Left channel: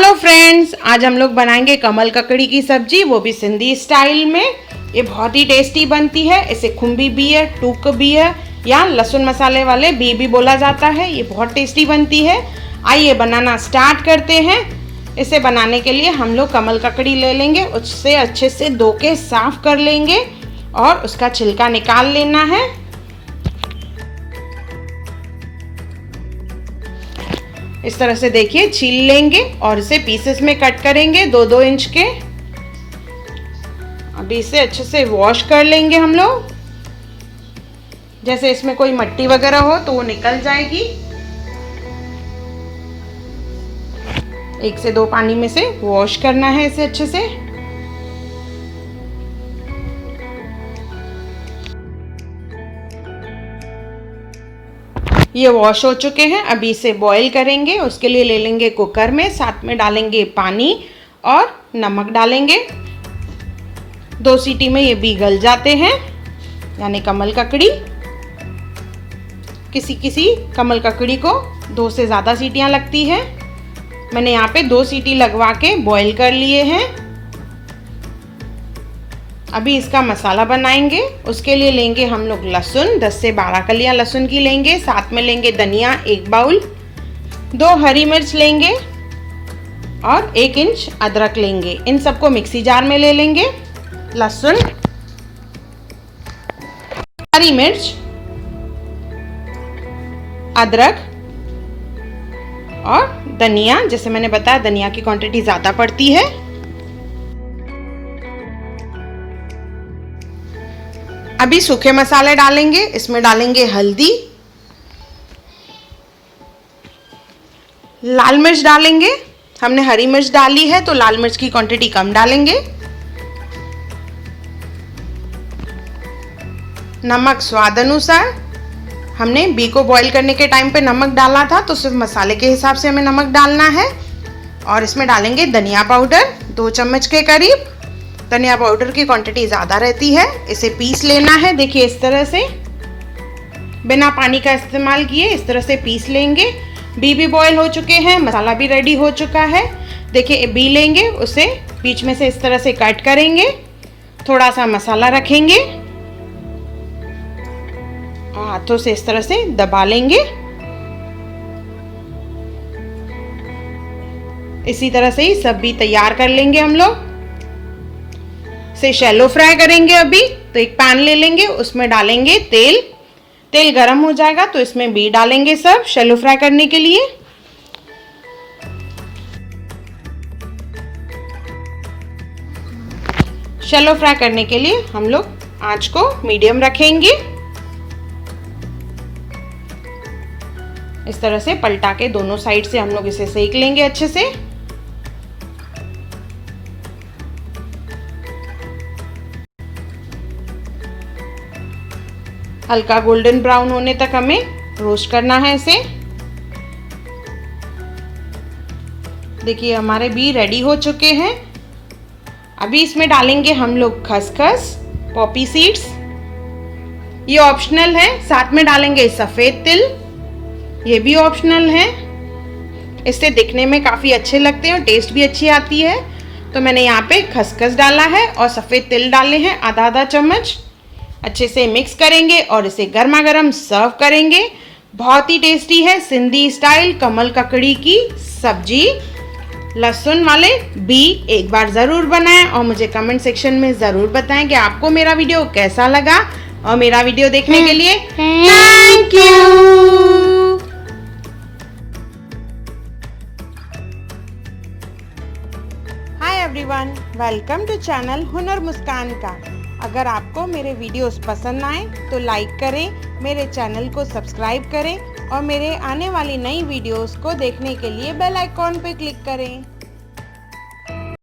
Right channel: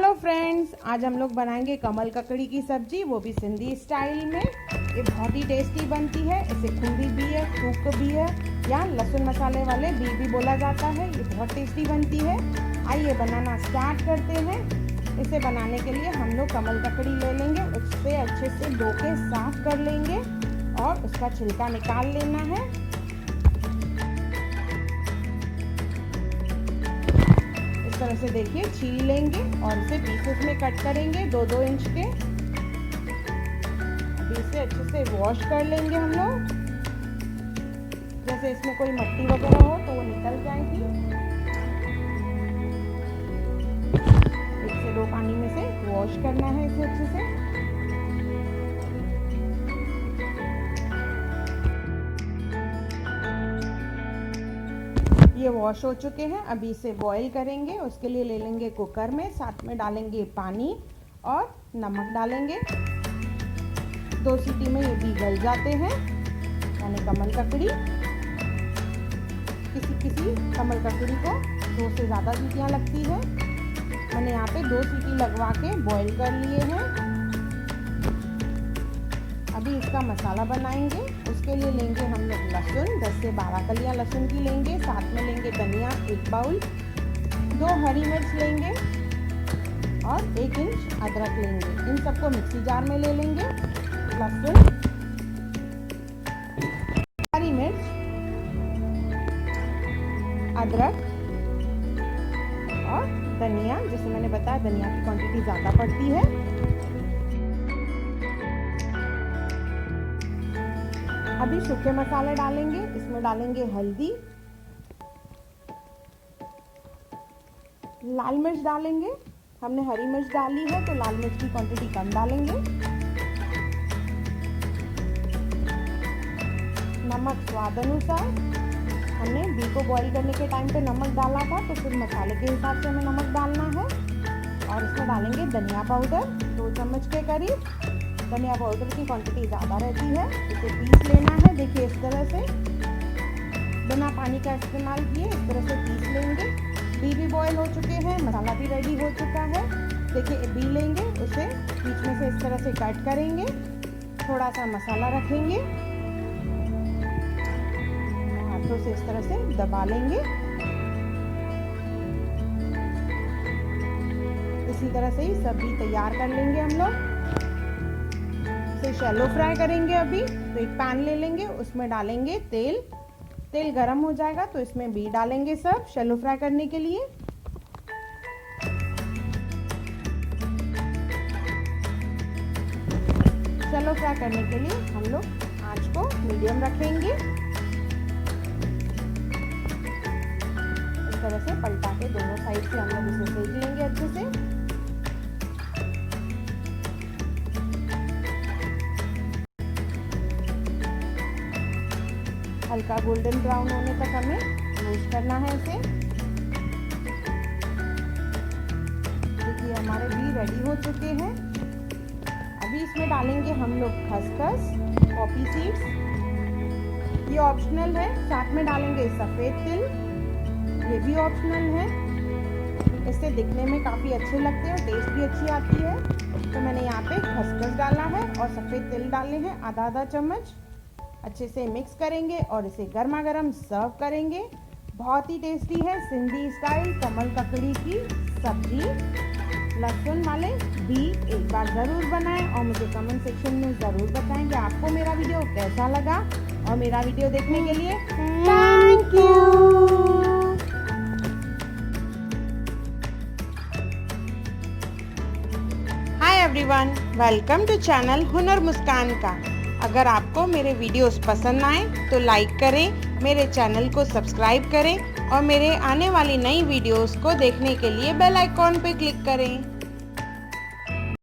Hello friends, आज हम लोग बनाएंगे कमल ककड़ी की सब्जी, वो भी सिंधी स्टाइल में। ये बहुत ही टेस्टी बनती है। इसे खुम्बी भी है, टूक भी है या लहसुन मसाले वाले भी बोला जाता है। ये बहुत टेस्टी बनती है। आइए बनाना स्टार्ट करते हैं। इसे बनाने के लिए हम लोग कमल ककड़ी ले लेंगे, उससे अच्छे से धो के साफ कर लेंगे और उसका छिलका निकाल लेना है। इस तरह से देखिए छील लेंगे और इसे पीसेस में कट करेंगे 2-2 इंच के। अभी इसे अच्छे से वॉश कर लेंगे हम लोग। जैसे इसमें कोई मिट्टी वगैरह हो तो वो निकल जाएगी। 1 से 2 पानी में से वॉश करना है इसे अच्छे से। ये वॉश हो चुके हैं। अभी इसे बॉईल करेंगे। उसके लिए ले लेंगे कुकर में, साथ में डालेंगे पानी और नमक डालेंगे। 2 सीटी में ये भी गल जाते हैं, यानी कमल ककड़ी। किसी कमल ककड़ी को 2 से ज़्यादा सीटियां लगती है। मैंने यहाँ पे 2 सीटी लगवा के बॉईल कर लिए हैं। अभी इसका मसाला बनाएंगे। उसके लिए लेंगे हम लोग लहसुन, 10 से 12 कलियां लहसुन की लेंगे। साथ में लेंगे धनिया 1 बाउल, 2 हरी मिर्च लेंगे और 1 इंच अदरक लेंगे। इन सबको मिक्सी जार में ले लेंगे। लहसुन, हरी मिर्च, अदरक और धनिया। जैसे मैंने बताया धनिया की क्वांटिटी ज़्यादा पड़ती है। अभी सूखे मसाले डालेंगे। इसमें डालेंगे हल्दी, लाल मिर्च डालेंगे। हमने हरी मिर्च डाली है तो लाल मिर्च की क्वांटिटी कम डालेंगे। नमक स्वाद अनुसार। हमने बी को बॉईल करने के टाइम पे नमक डाला था, तो सिर्फ मसाले के हिसाब से हमें नमक डालना है। और इसमें डालेंगे धनिया पाउडर 2 चम्मच के करीब। धनिया पाउडर की क्वांटिटी ज़्यादा रहती है। इसे पीस लेना है। देखिए इस तरह से बिना पानी का इस्तेमाल किए इस तरह से पीस लेंगे। बी भी बॉईल हो चुके हैं, मसाला भी रेडी हो चुका है। देखिए बी लेंगे, उसे बीच में से इस तरह से कट करेंगे। थोड़ा सा मसाला रखेंगे और हाथों से इस तरह से दबा लेंगे। इसी तरह से ही सब भी तैयार कर लेंगे हम लोग। इसे शैलो फ्राई करेंगे। अभी तो एक पैन ले लेंगे, उसमें डालेंगे तेल। तेल गरम हो जाएगा तो इसमें भी डालेंगे सब शैलो फ्राई करने के लिए। शैलो फ्राई करने के लिए हम लोग आंच को मीडियम रखेंगे। इस तरह से पलटा के दोनों साइड से हम लोग इसे सेक लेंगे अच्छे से। हल्का गोल्डन ब्राउन होने तक हमें रोस्ट करना है इसे। देखिए हमारे भी रेडी हो चुके हैं। अभी इसमें डालेंगे हम लोग खसखस, पॉपी सीड्स। ये ऑप्शनल है। साथ में डालेंगे सफ़ेद तिल, ये भी ऑप्शनल है। इससे दिखने में काफ़ी अच्छे लगते हैं और टेस्ट भी अच्छी आती है। तो मैंने यहाँ पे खसखस डाला है और सफ़ेद तिल डाले हैं आधा चम्मच। अच्छे से मिक्स करेंगे और इसे गर्मा गर्म सर्व करेंगे। बहुत ही टेस्टी है सिंधी स्टाइल कमल ककड़ी की सब्जी। लहसुन वाले भी एक बार ज़रूर बनाएं और मुझे कमेंट सेक्शन में ज़रूर बताएं कि आपको मेरा वीडियो कैसा लगा। और मेरा वीडियो देखने के लिए thank you. Hi everyone, welcome to channel Hunar Muskan का। अगर आपको मेरे वीडियोस पसंद आए तो लाइक करें, मेरे चैनल को सब्सक्राइब करें और मेरे आने वाली नई वीडियोस को देखने के लिए बेल आइकॉन पे क्लिक करें।